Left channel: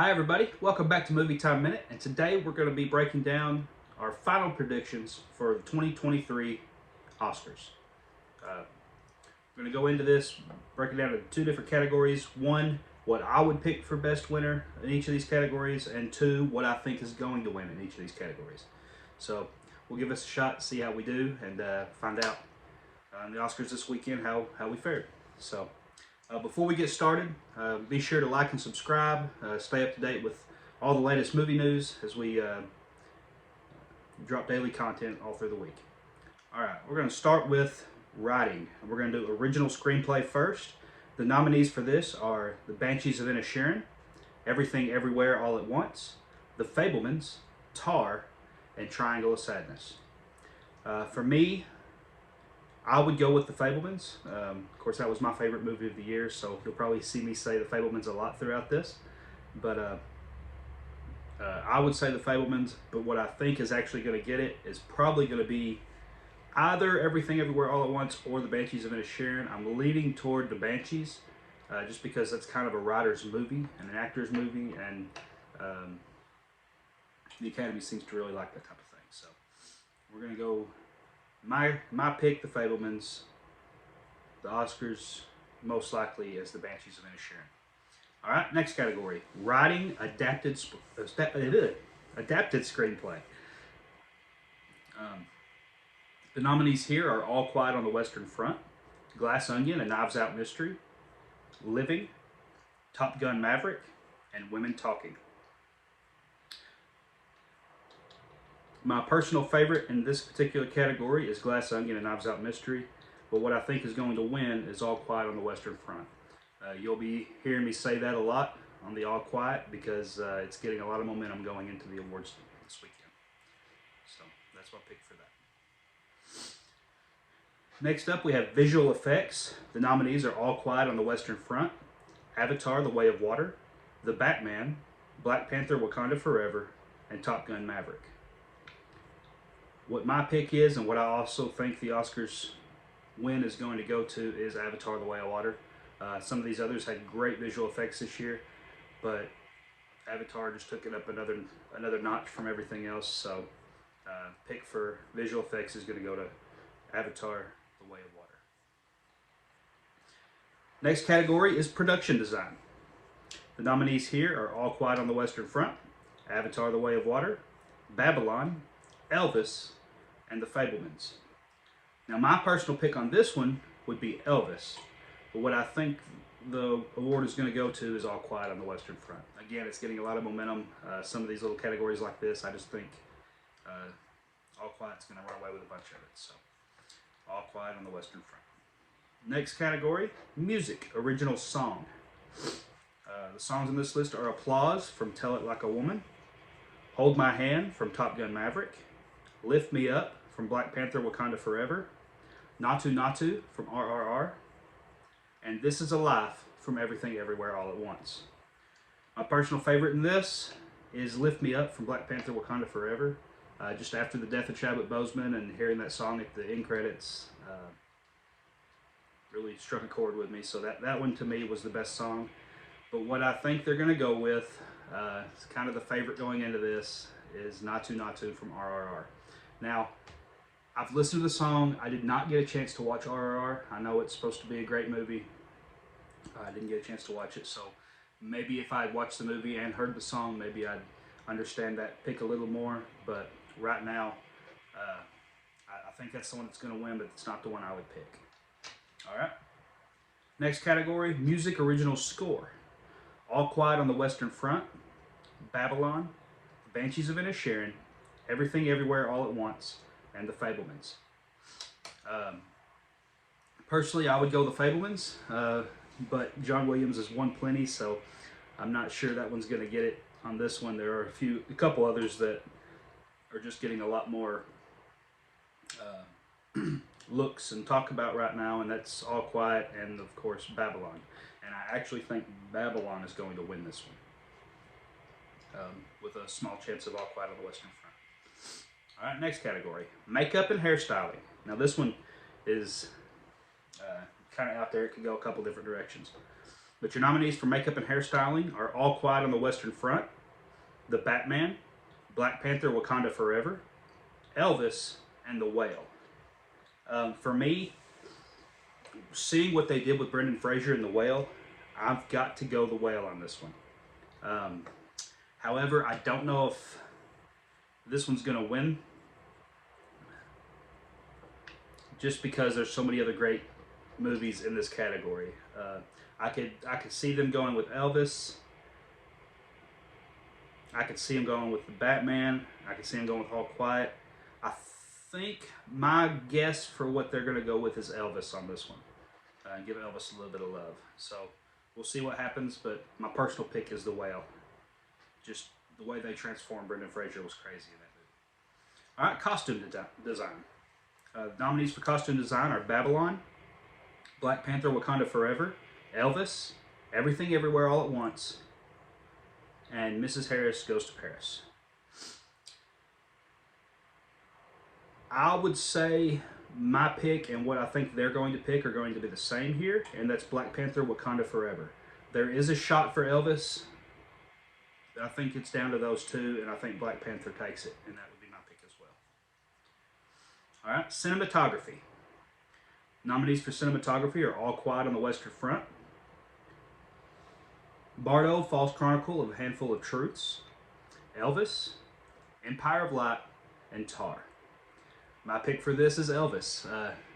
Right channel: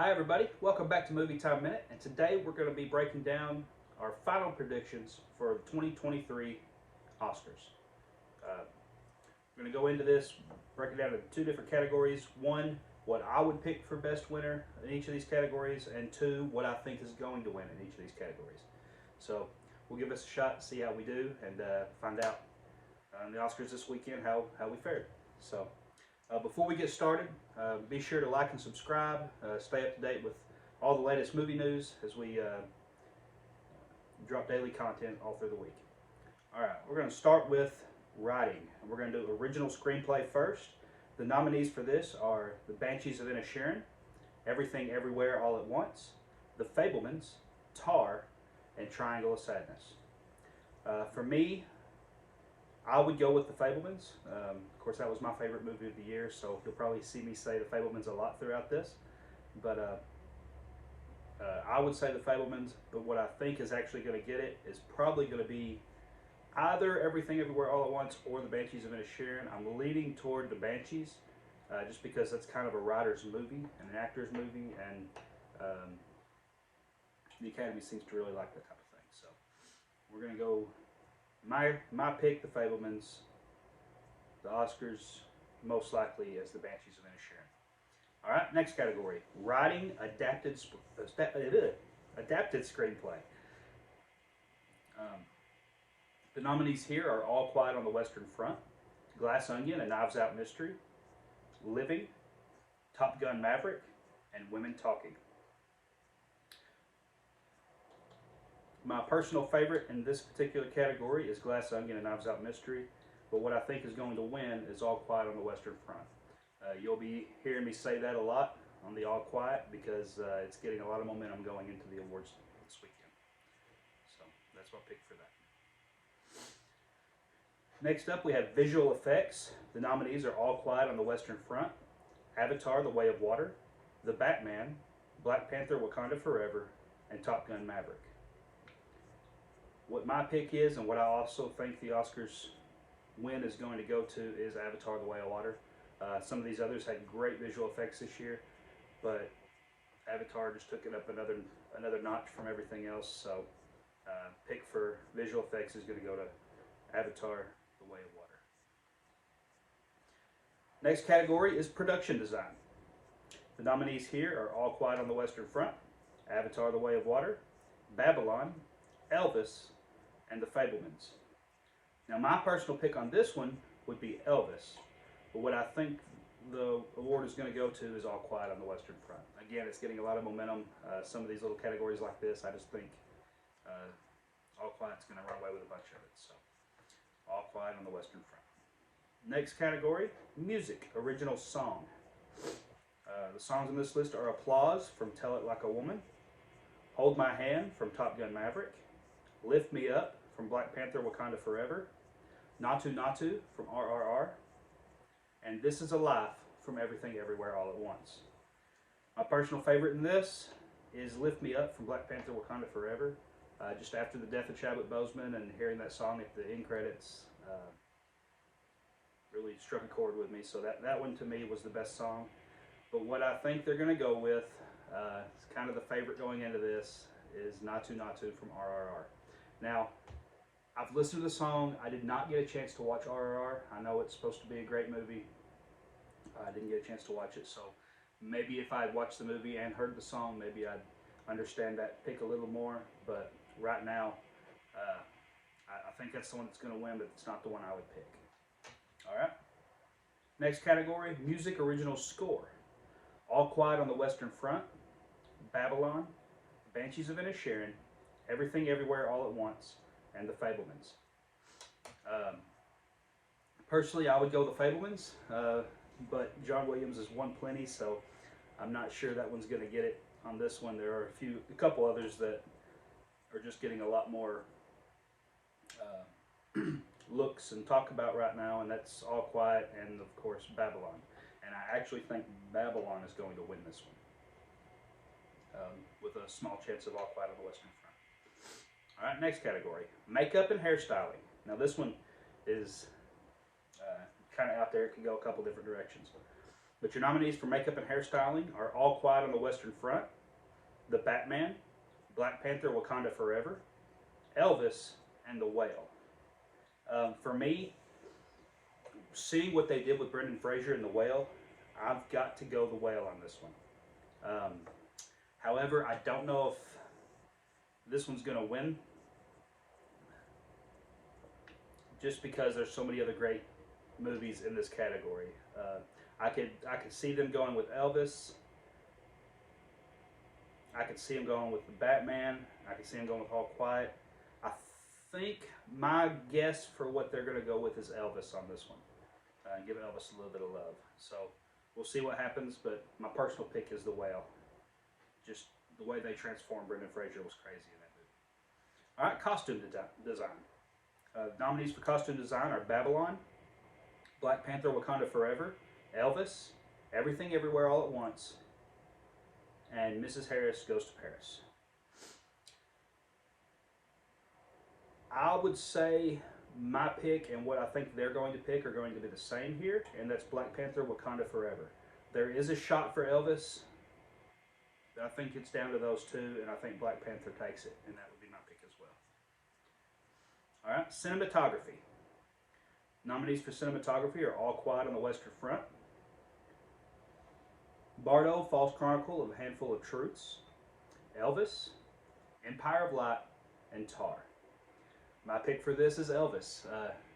Hi everybody, welcome back to Movie Time Minute, and today we're going to be breaking down our final predictions for the 2023 Oscars. We're going to go into this, break it down into two different categories. One, what I would pick for best winner in each of these categories, and two, what I think is going to win in each of these categories. So we'll give us a shot, see how we do, and find out in the Oscars this weekend how we fared. So before we get started, be sure to like and subscribe. Stay up to date with all the latest movie news as we drop daily content all through the week. All right, we're going to start with writing. We're going to do original screenplay first. The nominees for this are The Banshees of Inisherin, Everything Everywhere All at Once, The Fabelmans, Tar, and Triangle of Sadness. For me, I would go with The Fabelmans. Of course, that was my favorite movie of the year, so you'll probably see me say The Fabelmans a lot throughout this. But I would say The Fabelmans, but what I think is actually going to get it is probably going to be either Everything Everywhere All at Once or The Banshees of Inisherin. I'm leaning toward The Banshees, just because that's kind of a writer's movie and an actor's movie, and the Academy seems to really like that type of thing. So we're going to go my pick, The Fabelmans. The Oscars, most likely, as The Banshees of Inisherin. All right, next category: writing adapted screenplay. The nominees here are All Quiet on the Western Front, Glass Onion: A Knives Out Mystery, Living, Top Gun: Maverick, and Women Talking. My personal favorite in this particular category is Glass Onion: A Knives Out Mystery, but what I think is going to win is All Quiet on the Western Front. You'll be hearing me say that a lot on the All Quiet because it's getting a lot of momentum going into the awards this weekend. So that's my pick for that. Next up, we have visual effects. The nominees are All Quiet on the Western Front, Avatar: The Way of Water, The Batman, Black Panther: Wakanda Forever, and Top Gun: Maverick. What my pick is, and what I also think the Oscars win is going to go to, is Avatar: The Way of Water. Some of these others had great visual effects this year, but Avatar just took it up another notch from everything else. So pick for visual effects is going to go to Avatar: The Way of Water. Next category is production design. The nominees here are All Quiet on the Western Front, Avatar: The Way of Water, Babylon, Elvis, and The Fabelmans. Now, my personal pick on this one would be Elvis, but what I think the award is going to go to is All Quiet on the Western Front. Again, it's getting a lot of momentum. Some of these little categories like this, I just think All Quiet's going to run away with a bunch of it. So, All Quiet on the Western Front. Next category, music, original song. The songs on this list are Applause from Tell It Like a Woman, Hold My Hand from Top Gun: Maverick, Lift Me Up from Black Panther: Wakanda Forever, Natu Natu from RRR, and This Is a Life from Everything Everywhere All at Once. My personal favorite in this is Lift Me Up from Black Panther: Wakanda Forever. Just after the death of Chadwick Boseman and hearing that song at the end credits really struck a chord with me. So that one to me was the best song. But what I think they're going to go with, it's kind of the favorite going into this, is Natu Natu from RRR. Now, I've listened to the song. I did not get a chance to watch RRR. I know it's supposed to be a great movie. I didn't get a chance to watch it, so maybe if I had watched the movie and heard the song, maybe I'd understand that pick a little more. But right now, I think that's the one that's going to win, but it's not the one I would pick. All right. Next category, music original score. All Quiet on the Western Front, Babylon, The Banshees of Inisherin, Everything Everywhere All at Once, and The Fabelmans. Personally, I would go The Fabelmans, but John Williams has won plenty, so I'm not sure that one's going to get it on this one. There are a couple others that are just getting a lot more looks and talk about right now, and that's All Quiet and, of course, Babylon. And I actually think Babylon is going to win this one, with a small chance of All Quiet on the Western Front. All right, next category, makeup and hairstyling. Now this one is kind of out there. It could go a couple different directions. But your nominees for makeup and hairstyling are All Quiet on the Western Front, The Batman, Black Panther: Wakanda Forever, Elvis, and The Whale. For me, seeing what they did with Brendan Fraser in The Whale, I've got to go The Whale on this one. However, I don't know if this one's going to win, just because there's so many other great movies in this category. I could see them going with Elvis. I could see them going with The Batman. I could see them going with All Quiet. I think my guess for what they're going to go with is Elvis on this one. Give Elvis a little bit of love. So we'll see what happens, but my personal pick is The Whale. Just the way they transformed Brendan Fraser was crazy in that movie. All right, costume design. Nominees for costume design are Babylon, Black Panther: Wakanda Forever, Elvis, Everything Everywhere All at Once, and Mrs. Harris Goes to Paris. I would say my pick and what I think they're going to pick are going to be the same here, and that's Black Panther: Wakanda Forever. There is a shot for Elvis. I think it's down to those two, and I think Black Panther takes it, and that would be my pick as well. All right, cinematography. Nominees for cinematography are All Quiet on the Western Front, Bardo: False Chronicle of a Handful of Truths, Elvis, Empire of Light, and Tar. My pick for this is Elvis.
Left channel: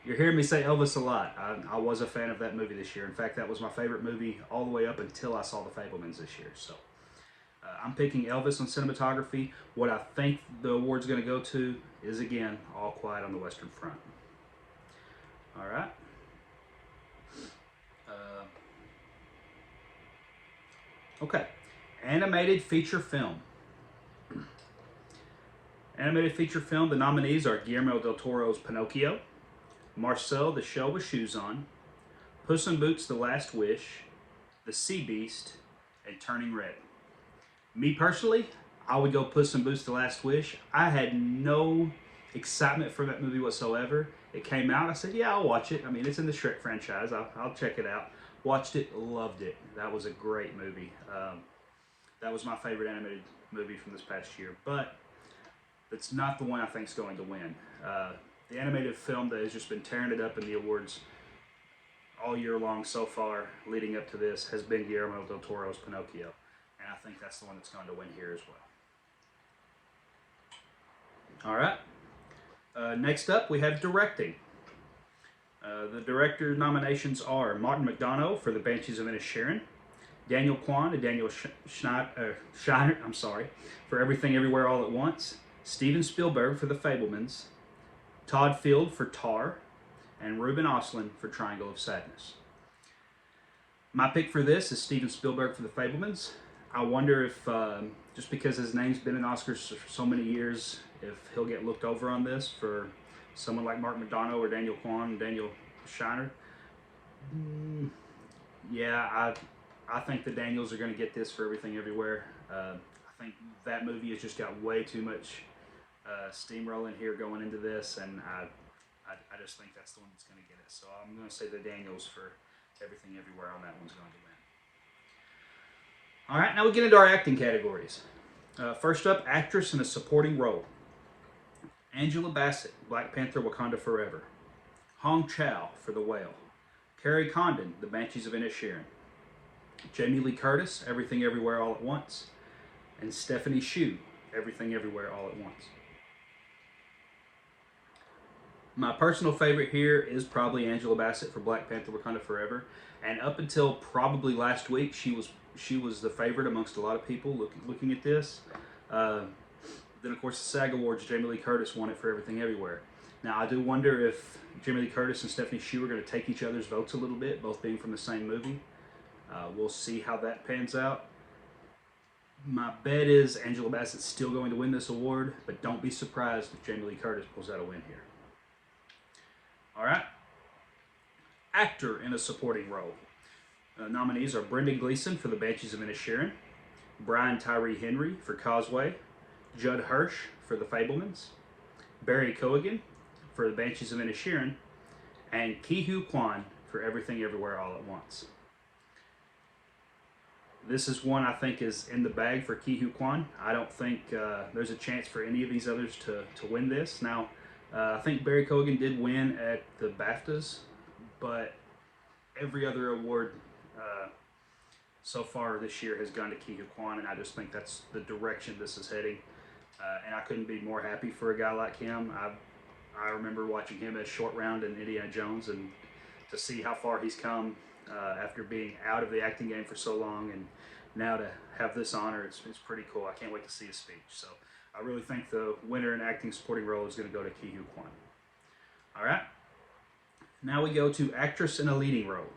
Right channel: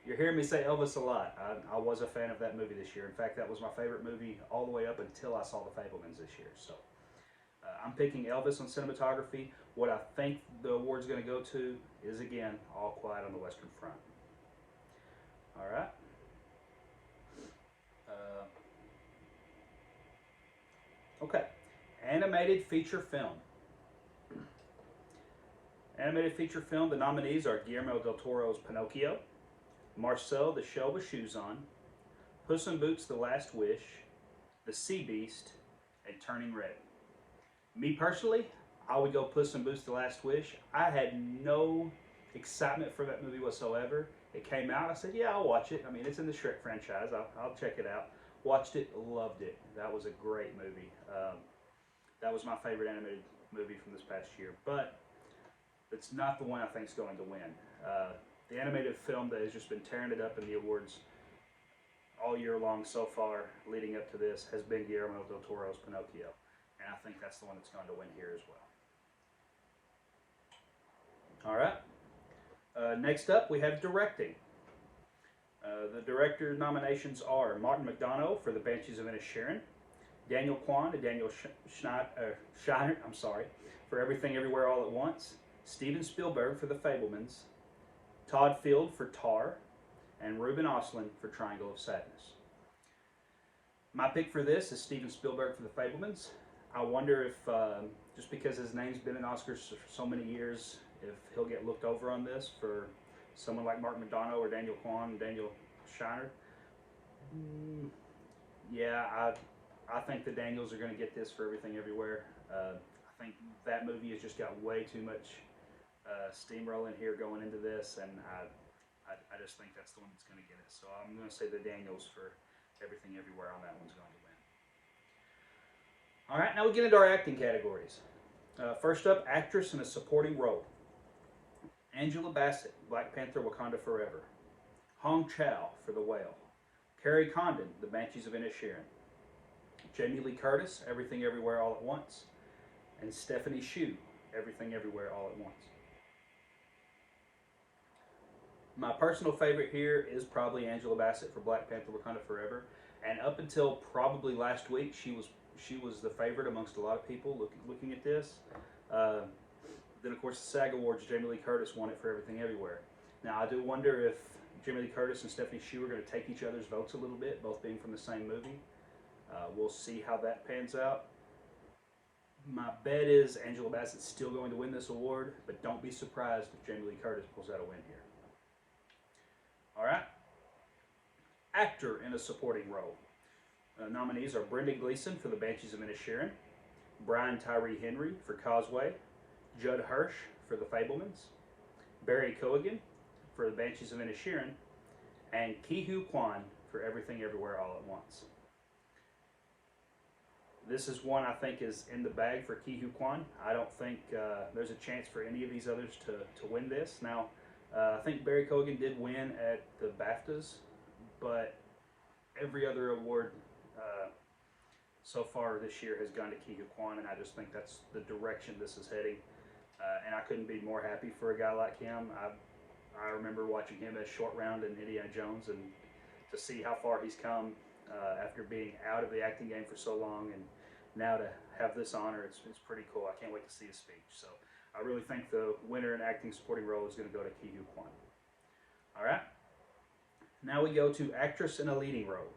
You're hearing me say Elvis a lot. I was a fan of that movie this year. In fact, that was my favorite movie all the way up until I saw The Fabelmans this year. So I'm picking Elvis on cinematography. What I think the award's going to go to is, again, All Quiet on the Western Front. All right. Okay. Animated feature film. Animated feature film, the nominees are Guillermo del Toro's Pinocchio, Marcel: The Shell with Shoes On, Puss in Boots: The Last Wish, The Sea Beast, and Turning Red. Me personally, I would go Puss in Boots: The Last Wish. I had no excitement for that movie whatsoever. It came out, I said, yeah, I'll watch it. I mean, it's in the Shrek franchise. I'll check it out. Watched it, loved it. That was a great movie. That was my favorite animated movie from this past year. But it's not the one I think is going to win. The animated film that has just been tearing it up in the awards all year long so far, leading up to this, has been Guillermo del Toro's Pinocchio. And I think that's the one that's going to win here as well. All right. Next up, we have directing. The director nominations are Martin McDonough for The Banshees of Inisherin, Daniel Kwan and Daniel Shiner, for Everything Everywhere All at Once, Steven Spielberg for The Fabelmans, Todd Field for Tar, and Ruben Östlund for Triangle of Sadness. My pick for this is Steven Spielberg for The Fabelmans. I wonder if, just because his name's been in Oscars for so many years, if he'll get looked over on this for someone like Mark McDonough or Daniel Kwan and Daniel Shiner. Yeah, I think the Daniels are going to get this for Everything Everywhere. I think that movie has just got way too much steamrolling here going into this, and I just think that's the one that's going to get it. So I'm going to say the Daniels for Everything Everywhere on that one's going to win. All right, now we get into our acting categories. First up, actress in a supporting role. Angela Bassett, Black Panther: Wakanda Forever. Hong Chow for The Whale. Carrie Condon, The Banshees of Inisherin. Jamie Lee Curtis, Everything Everywhere All at Once. And Stephanie Hsu, Everything Everywhere All at Once. My personal favorite here is probably Angela Bassett for Black Panther: Wakanda Forever. And up until probably last week, she was the favorite amongst a lot of people looking at this. Then, of course, the SAG Awards, Jamie Lee Curtis won it for Everything Everywhere. Now, I do wonder if Jamie Lee Curtis and Stephanie Hsu are going to take each other's votes a little bit, both being from the same movie. We'll see how that pans out. My bet is Angela Bassett's still going to win this award, but don't be surprised if Jamie Lee Curtis pulls out a win here. All right. Actor in a supporting role. Nominees are Brendan Gleeson for The Banshees of Inisherin, Brian Tyree Henry for Causeway, Judd Hirsch for The Fabelmans, Barry Keoghan for The Banshees of Inisherin, and Ki-Hu Kwan for Everything Everywhere All at Once. This is one I think is in the bag for Ki Hu Kwan. I don't think there's a chance for any of these others to win this. Now, I think Barry Keoghan did win at the BAFTAs, but every other award so far this year has gone to Ki Hu Kwan, and I just think that's the direction this is heading. And I couldn't be more happy for a guy like him. I remember watching him as Short Round in Indiana Jones, and to see how far he's come after being out of the acting game for so long, and now to have this honor, it's pretty cool. I can't wait to see his speech. So I really think the winner in acting supporting role is going to go to Ki Hu Kwan. All right. Now we go to actress in a leading role.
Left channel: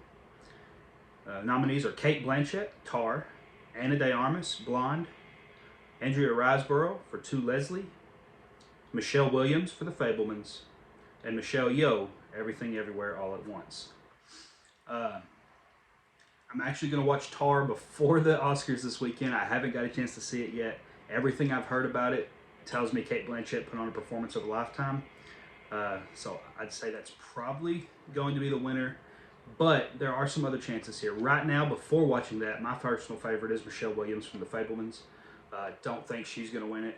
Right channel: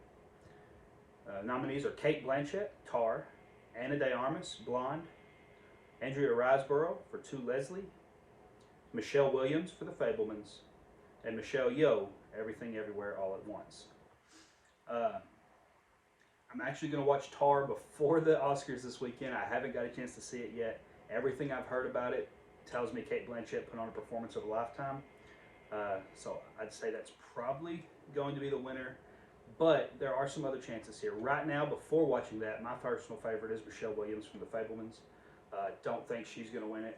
Nominees are Cate Blanchett, Tar; Ana de Armas, Blonde; Andrea Riseborough for To Leslie; Michelle Williams for The Fabelmans; and Michelle Yeoh, Everything Everywhere All at Once. I'm actually going to watch Tar before the Oscars this weekend. I haven't got a chance to see it yet. Everything I've heard about it tells me Cate Blanchett put on a performance of a lifetime. So I'd say that's probably going to be the winner. But there are some other chances here. Right now, before watching that, my personal favorite is Michelle Williams from The Fabelmans. Don't think she's going to win it.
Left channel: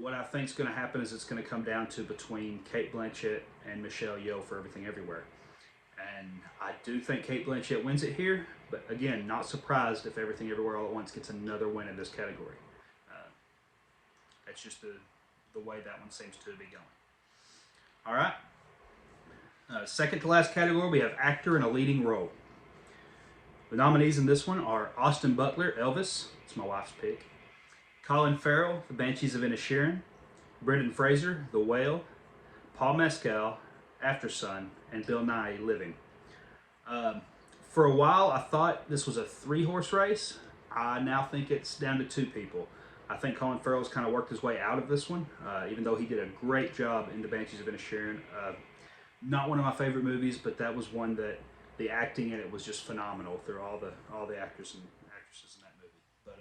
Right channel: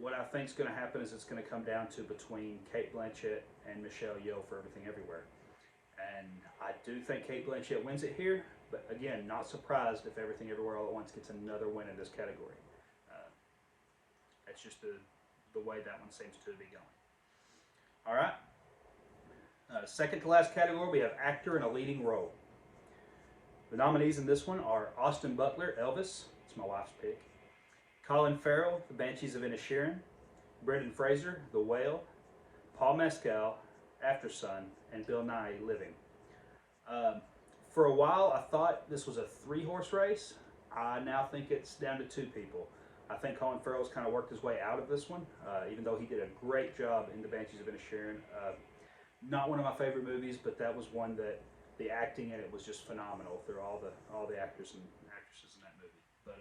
What I think is going to happen is it's going to come down to between Cate Blanchett and Michelle Yeoh for Everything Everywhere. And I do think Cate Blanchett wins it here, but again, not surprised if Everything Everywhere All at Once gets another win in this category. That's just the way that one seems to be going. All right. Second to last category, we have actor in a leading role. The nominees in this one are Austin Butler, Elvis. It's my wife's pick. Colin Farrell, The Banshees of Inisherin; Brendan Fraser, The Whale; Paul Mescal, After Sun; and Bill Nighy, Living. For a while, I thought this was a 3-horse race. I now think it's down to 2 people. I think Colin Farrell's kind of worked his way out of this one, even though he did a great job in The Banshees of Inisherin. Not one of my favorite movies, but that was one that the acting in it was just phenomenal through all the actors and actresses in that movie. But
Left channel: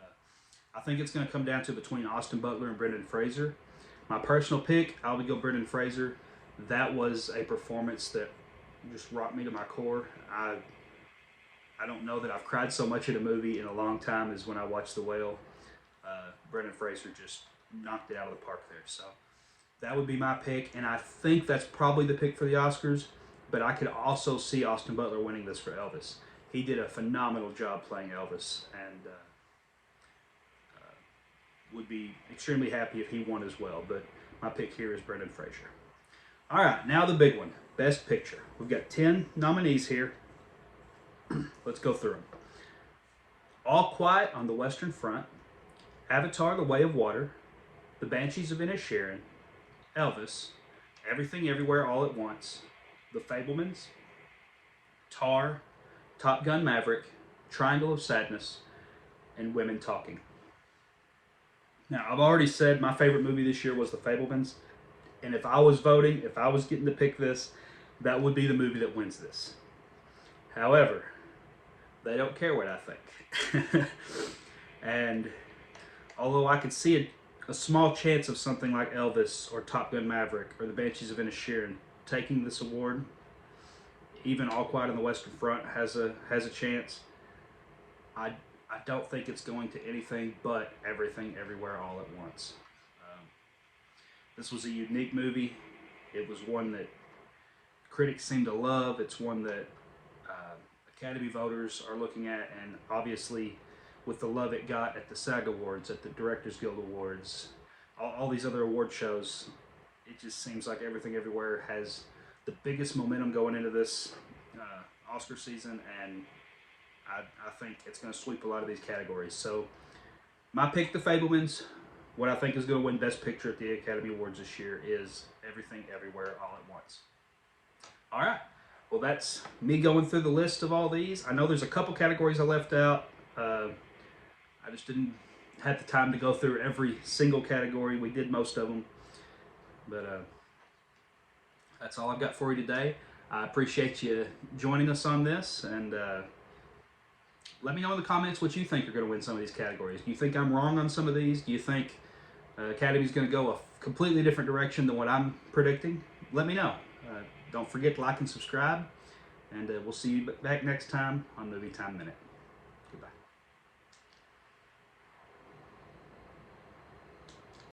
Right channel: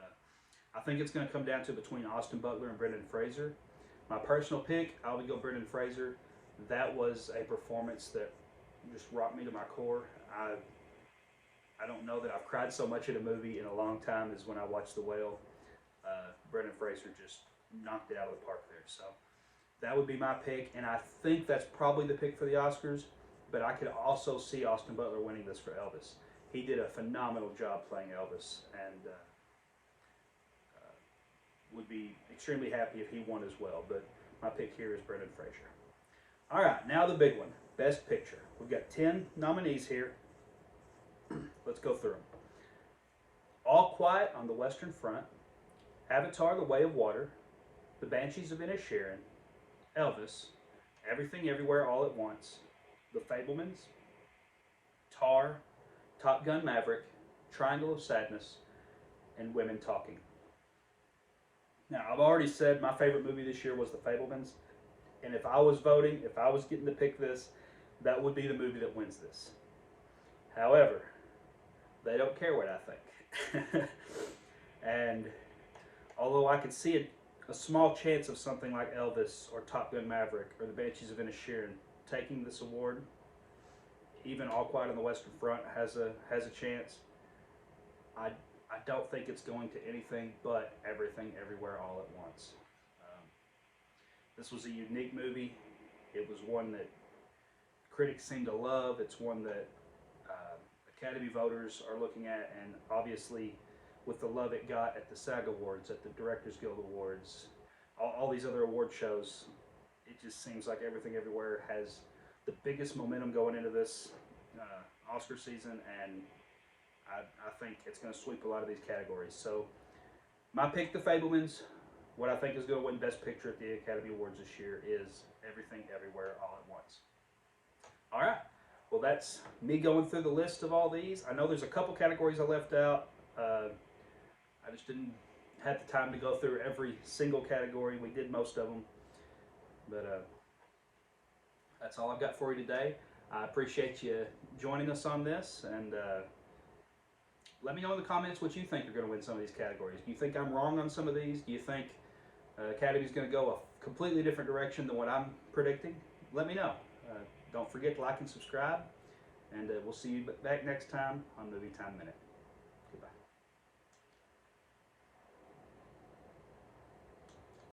I think it's going to come down to between Austin Butler and Brendan Fraser. My personal pick, I would go Brendan Fraser. That was a performance that just rocked me to my core. I don't know that I've cried so much at a movie in a long time as when I watched The Whale. Brendan Fraser just knocked it out of the park there. So that would be my pick, and I think that's probably the pick for the Oscars, but I could also see Austin Butler winning this for Elvis. He did a phenomenal job playing Elvis, and would be extremely happy if he won as well, but my pick here is Brendan Fraser. All right, now the big one, Best Picture. We've got 10 nominees here. Let's go through them. All Quiet on the Western Front, Avatar: The Way of Water, The Banshees of Inisherin, Elvis, Everything Everywhere All at Once, The Fabelmans, Tar, Top Gun: Maverick, Triangle of Sadness, and Women Talking. Now, I've already said my favorite movie this year was The Fabelmans, and if I was voting, if I was getting to pick this, that would be the movie that wins this. However, they don't care what I think. And although I could see a small chance of something like Elvis or Top Gun: Maverick or The Banshees of Inisherin taking this award, even All Quiet on the Western Front has a chance. I don't think it's going to anything but Everything Everywhere All at Once. This was a unique movie. It was one that critics seem to love. It's one that Academy voters are looking at, and obviously with the love it got at the SAG Awards, at the Directors Guild Awards, all these other award shows, it just seems like Everything Everywhere has the biggest momentum going into this Oscar season, and I think it's going to sweep a lot of these categories. So my pick, The Fabelmans. What I think is going to win Best Picture at the Academy Awards this year is Everything Everywhere All at Once. All right. Well, that's me going through the list of all these. I know there's a couple categories I left out. I just didn't have the time to go through every single category. We did most of them. But that's all I've got for you today. I appreciate you joining us on this, and let me know in the comments what you think are going to win some of these categories. Do you think I'm wrong on some of these? Do you think Academy's going to go a completely different direction than what I'm predicting? Let me know. Don't forget to like and subscribe, and we'll see you back next time on Movie Time Minute. Goodbye.